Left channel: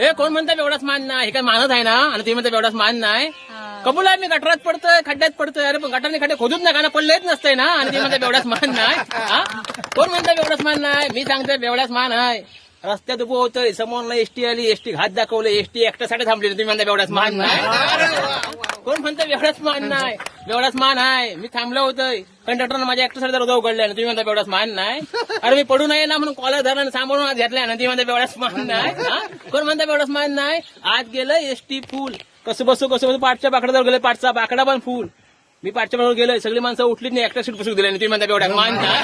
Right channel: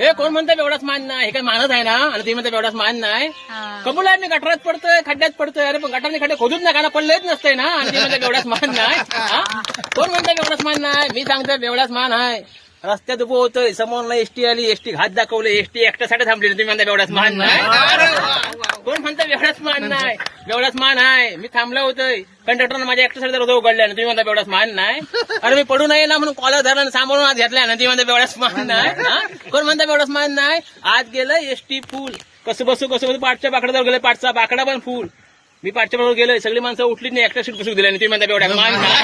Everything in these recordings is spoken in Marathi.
हे कोण म्हणतं बेवडाच मान नाही, हे काय मानत आहे ना, आणि तुम्ही म्हणता बेवडाच मान नाही. कबूल आहे, मी गटारात पडतोय, खड्ड्यात पडतोय, अरे पण गटारने खड्डे खोदूच नका ना, पडलं येत नसतंय ना, आणि तुम्ही म्हणता बेवडाच मान नाही. कोण म्हणतं बेवडाच मान नाही? मी सांगतोय बेवडाच मान आहे. रस्त्यात उभं होतोय, समोरला एसटी आली, एसटी घात दाखवलं, एसटी एकट्यासाठी थांबली, तुम्ही म्हणता बेवडाच मान नाही. कोण म्हणतं बेवडाच मान नाही? बेवडाच मान आहे. मी थांबलो होतोय, कंडक्टरनं माझ्या एकट्यासाठी दरवाजा उघडला ना, तुम्ही म्हणता बेवडाच मान नाही. अरे मी पडू नये ना म्हणून कॉलर धरला आणि सांभाळून आत घेतलाय ना, तुम्ही म्हणता बेवडाच मान नाही. कोण म्हणता बेवडाच मान नाही? आत गेलं एसटी फुल, कसं बसू पाठच्या बाकड्यावर गेले, पाठचा बाकडा पण फुल. मी पाठच्या बरोबर गेलोय, सगळी माणसं उठलीच नाही, एकटा सीट बसू दिल्या, तुम्ही म्हणता बेवडाच मान नाही.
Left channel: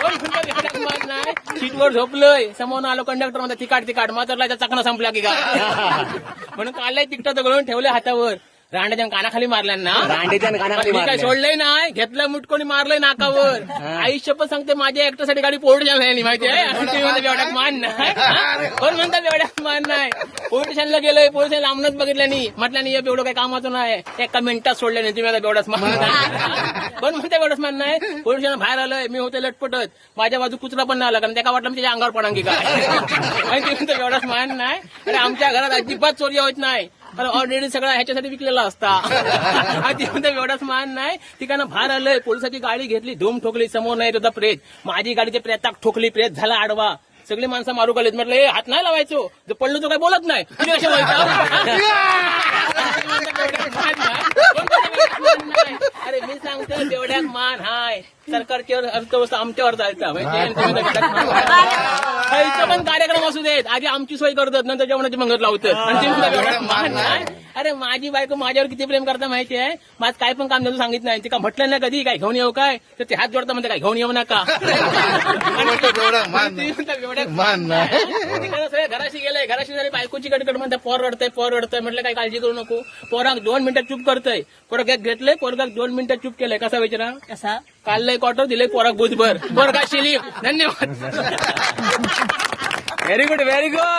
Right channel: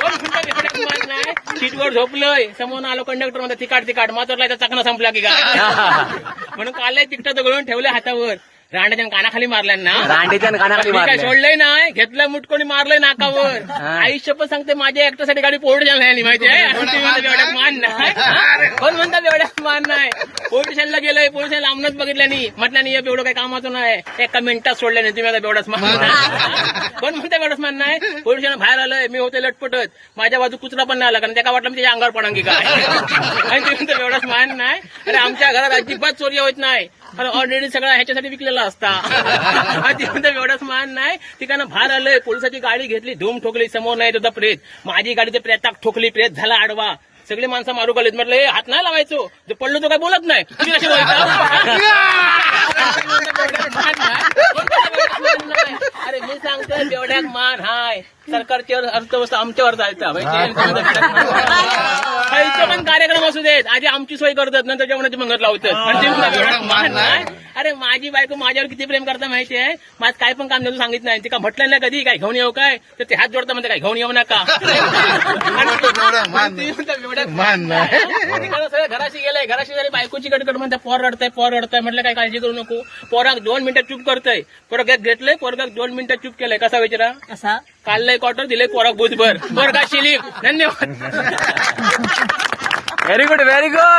कोण म्हणता बेवडाच मान नाही? सीटवर झोपलोय, समोर आलो कंडक्टर म्हणता तिकाट मात्रला चाकणा संपला की काय, म्हणून काढलाय तिकटाचं गळून ठेवलंय हातावर, रांड्याच्या कानाखाली मारल्या ना, रांडेच्या कानाखाली मी काय मारल्या. सोडलंय नाही, घेतलं मुटकोनी मारलंय नाकावर. आयुष्य पण सांगते माझ्या एकट्यासाठी गाडी पोर्ट झाली माहिती आहे, बेवड्यात मान नाही. कोण म्हणतात बेवड्यात मान नाही? पोलीस स्टेशनला गेलोय, पोलीस स्टेशन लांबनच बघितलं नाही, म्हटलं नाही बेवढं काही कामाचं नाही, एका मिनिटात सोडलं नाही, तुम्ही बेवडाच मान नाही. कोण म्हणता बेवडाच मान नाही? पोलीस स्टेशन बाहेर आलंय, मी होते लटपटत, माझ्या बाजू कुचरा पण नाही आला, कारण त्याला वाटलं मी त्याच्या अंगावर पडांगी काय, आणि तुम्ही म्हणता बेवडाच मान नाही. अरे आमच्या घरात अजिबात चोरी होत नाही, ऑलरेडी सगळं ह्याच्यासाठी विकलेला असता. एवढाच मान नाही. ठिकाणं बाहेर आलंय, पोलिसाची गाडी घेतली, धूम ठोकली, समोर नाही होता प्रेत, माझी गाडी ते प्रेताक ठोकली, प्रेत झाला आडवा, सगळी माणसं मारू गेलीत. म्हटलं हे हात नाही लावायचो, जे पडलो तो काय बोलत नाही, तुम्ही असे अरे मी सांगतोय बेवड्याक मान हाय, सरकारची अर्थव्यवस्था आमच्यावर जायचा, पण कार्यक्रम असू देत, आधी आमची सोय करतात, नंतर जेवणाची मंगत लावतात. मान नाही. अरे माझी बायको माझ्यावर किती प्रेम करता माहिती आहे, माझं काय पण काम नव्हतं सांगितलं नाही, ती का म्हटलं नाही कधी काय घेऊन येऊ काय, तर ते हात जोडता म्हणते काय घेऊन येऊ नका. घराशी गेलंय, घराशी झाली, बायकोची कडकड म्हणते पोर रडतंय, म्हटलं काय काळजी करू नको, पोराक 2 मिनिटं चूप करतोय, पोरग घेतलंय, पोरगाक 2 मिनिटं चूप केलंय, कसा विचारा, कसा काढलंय क्वार्टर, दिलंय पोराक बुधभर, पोरगा शिलीप. धन्यवाद. Very good.